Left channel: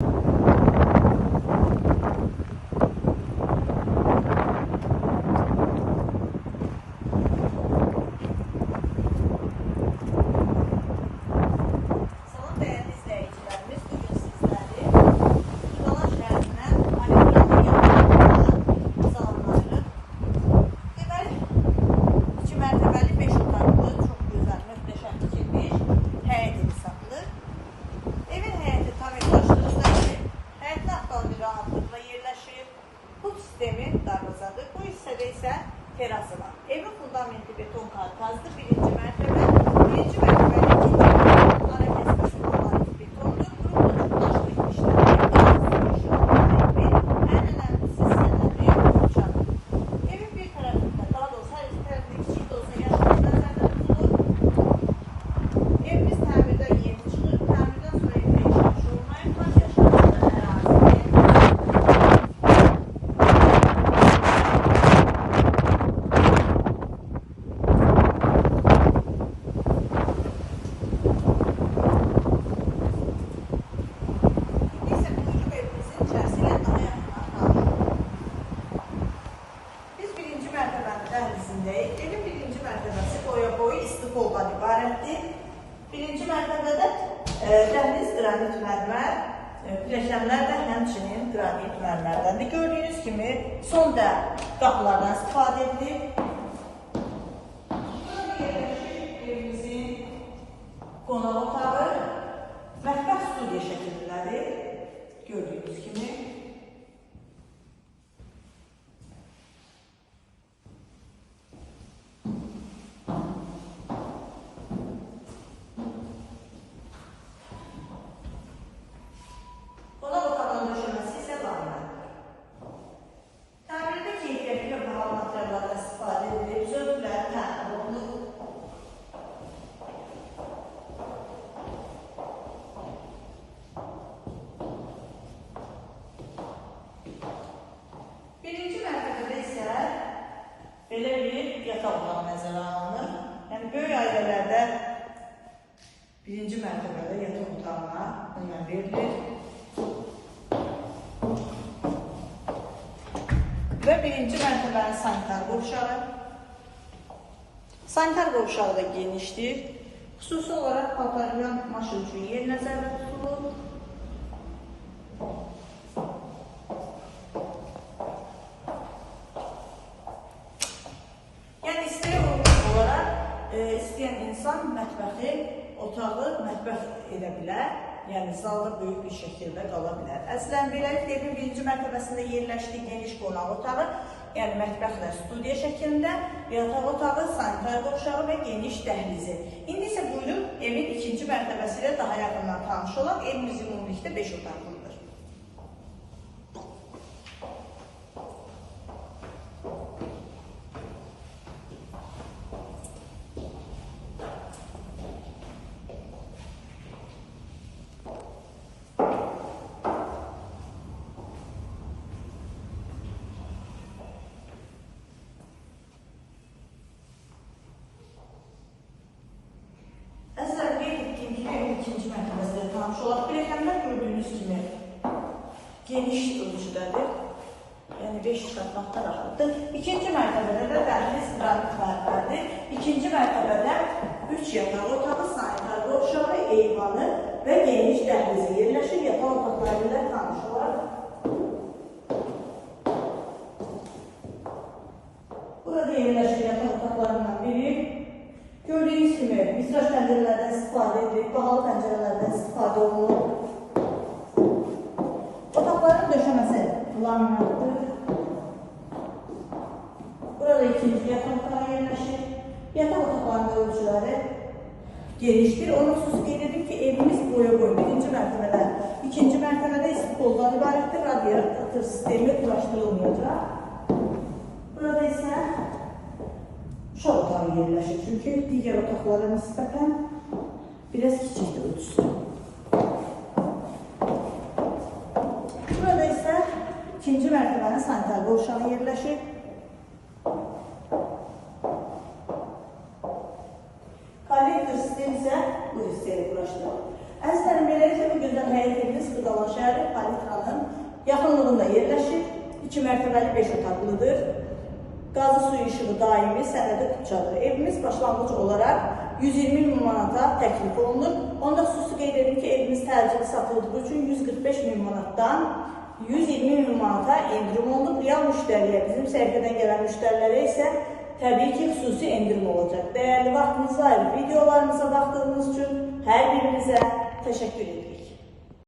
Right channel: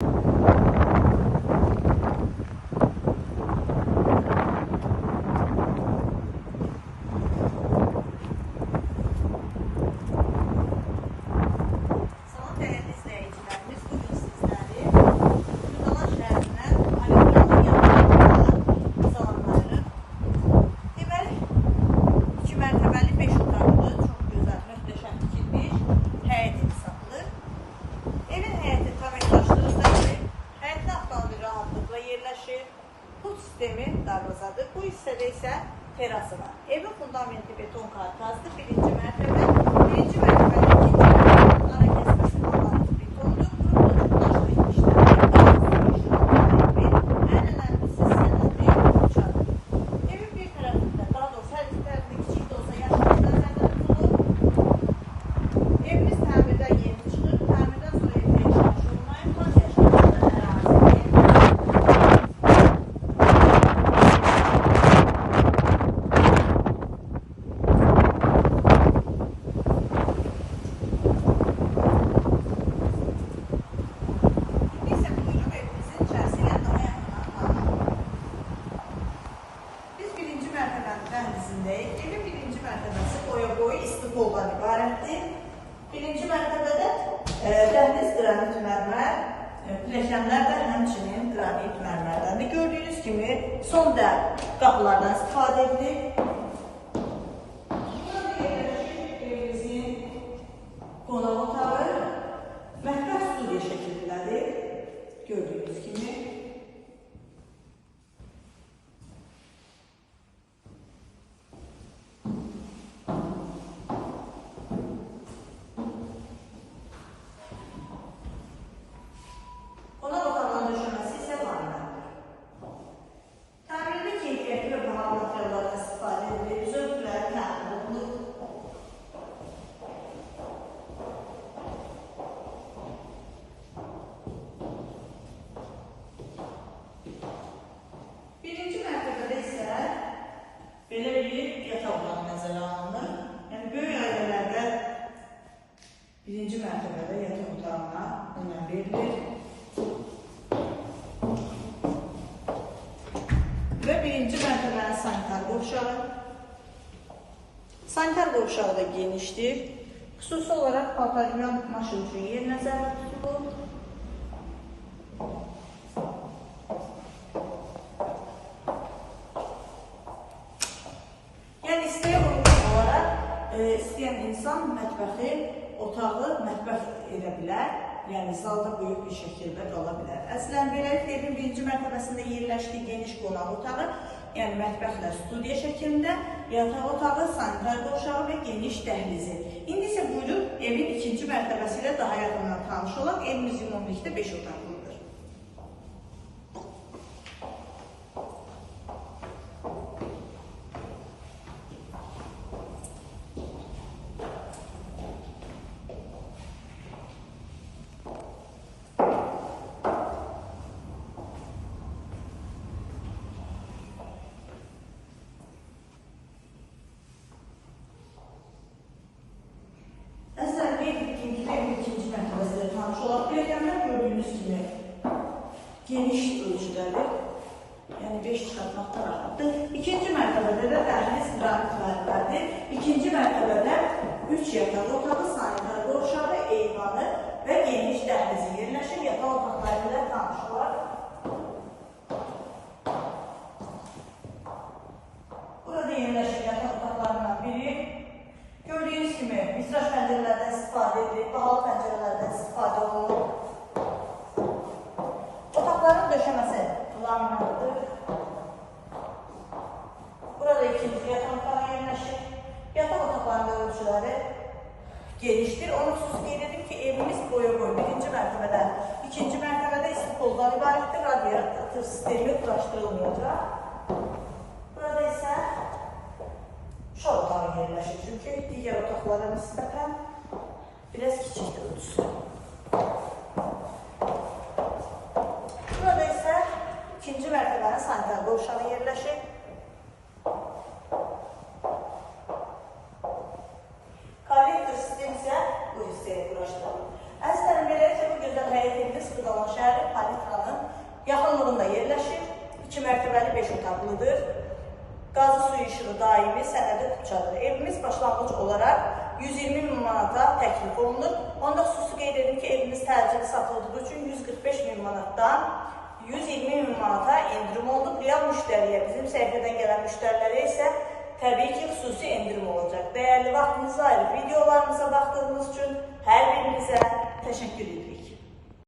you ferah salan. Evrak fundamenti beton karkazlı bir boya boyu istiqoldan ibarətdir. Birinci mərtəbədə e, dəhliz qranit mərmər, e, pilləkənlər də həmçinin qranit mərmərdəndir. Gördüyünüz kimi son dəl qapılardan istifadə edilir. Birinci mərtəbədə yataq otağına önəm verilir. Və birinci mərtəbənin sanitar qovşağı. Sanitar qovşağı da genişdir. Xüsusi olaraq paltaryan maşın üçün yer nəzərdə tutulur. Yəni istəyən olaraq e, istəyən insan mətbəxi, otağı mətbəx edə bilər. Yəni zalda böyük bir şəkildə qala bilər. Əslən beləliklə evin birinci mərtəbəsində yerləşdiyi geniş qonaq otağı, yəni mətbəxlə studiya şəklində, yataq otağı, sanitar qovşağı və geniş dəhlizi. İndi isə buyurun evin ikinci mərtəbəsi ilə daha yaxından tanış olaq. Evimiz ümumilikdə 5 otaqlıdır. Kimi geniş ölçüdədir. Yəni 5 çıxartmaqda rahatdır. İkinci mərtəbədə də dəhliz qranit mərmərdir. İkinci mərtəbədə 3 yataq otağı, sanitar qovşağı, eyvanı və geniş dəhlizi yerləşir. Yataq otaqlarında tanış olaq. Burada yerləşir yataq otaqlarından biri. Gördüyünüz kimi vitraj pəncərələrdən istifadə edilib, bahalı pəncərələrdən istifadə olunur. Otaqların döşəməsi laminatdır. Burada ikinci yataq otağı yerləşir. Yataq otaqlarının ölçüləri genişdir. Onu xüsusi qeyd edib ki, evimiz boya boy birinci mərtəbədən, ikinci mərtəbədə istiqoldan ibarətdir. Radiator sistemi quraşdırılmayacaq. Burada isə uşaq otağı yerləşir. Çünki digər otaqlara nisbətən biraz kiçikdir ölçüsü. İkinci mərtəbənin sanitar qovşağı yerləşir. Kollektor sistem isə bu hissəyə quraşdırılır. Əslən beləliklə bu gözəl həyətimiz Qıdalan şəhəri palitranın yaxınlığında yerləşir. 2 mərtəbəli 5 otaqlıdır. Qazı suyu işığı daimi sənədi tutcadır. Evimiz başlanğıc olaraq 120 min manata təklif olunur. Onda xüsusi qeyd edim ki, evimiz təcili satıldığı üçün 145 min manatdan 120 min manata endirim olunub. Real müştəriyə, bizim səhifədən gələn müştərilərə isə təbii ki, xüsusi endirim olacaq. Dəyərli vaxtınızı ayırıb videolarımıza baxdığınız üçün hər birinizə təşəkkür edirik.